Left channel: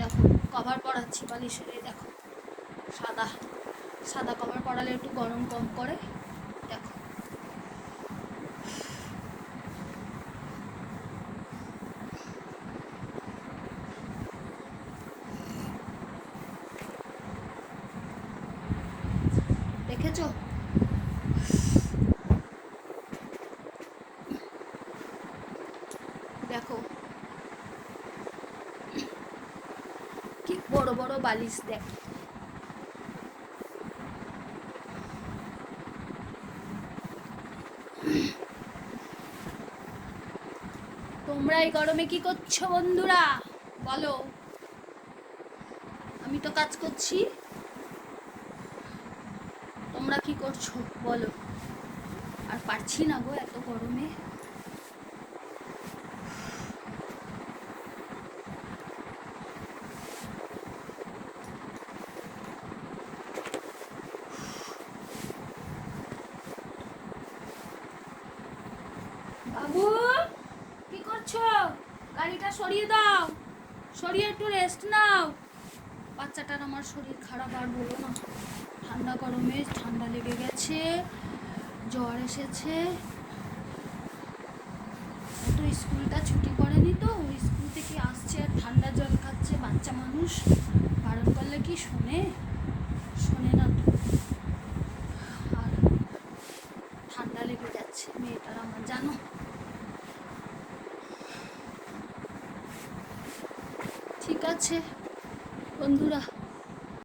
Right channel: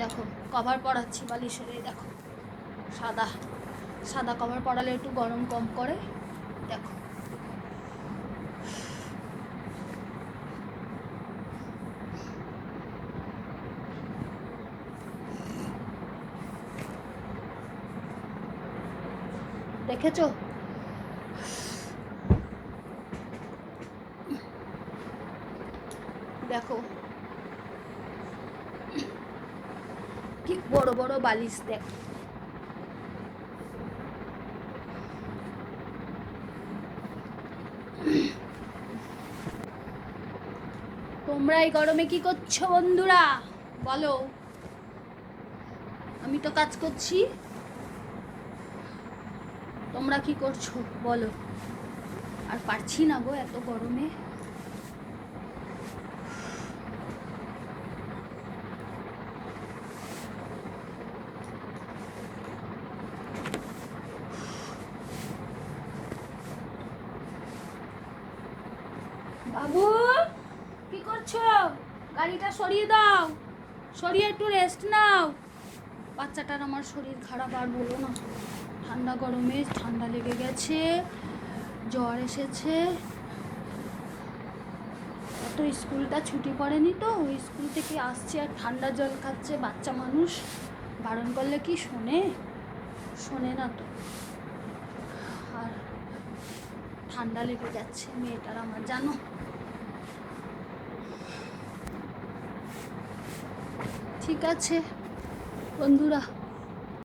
দেখো কভার পরাচ্ছি বালিশের, এই দেখো সাদা সাদা কভার পরালে একটু গরম কম করে। দেখো দেখেছো? দেখো কি বড় বড় বালিশ, দেখো তোমরা এই গরমে কি করছো বন্ধুরা বলো? আমি তো কাজ করছি, তোমরা কি করছো বলো? আর পারছি না গো এত গরমে। বাবু কি করছো? গাড়িটা সরিয়ে দাও, সরিয়ে একটু রেস্ট নাও। বাচ্চাটার আমার শরীর খারাপ, আর বলো না, ঠান্ডা গরমে ঠান্ডা লেগে গেছে, জ্বর এসেছে। এত স্কুলটা ছুটি করেনি তো, ওই স্কুল থেকে আসছে আর ঠান্ডা জল খাচ্ছে। বাচ্চা মানুষ বারণ করলে কি শোনে? শোনে না তো। আর ঠান্ডা লেগে যাচ্ছে মেয়েটার আমার, জানো। ঠিক আছে বন্ধুরা।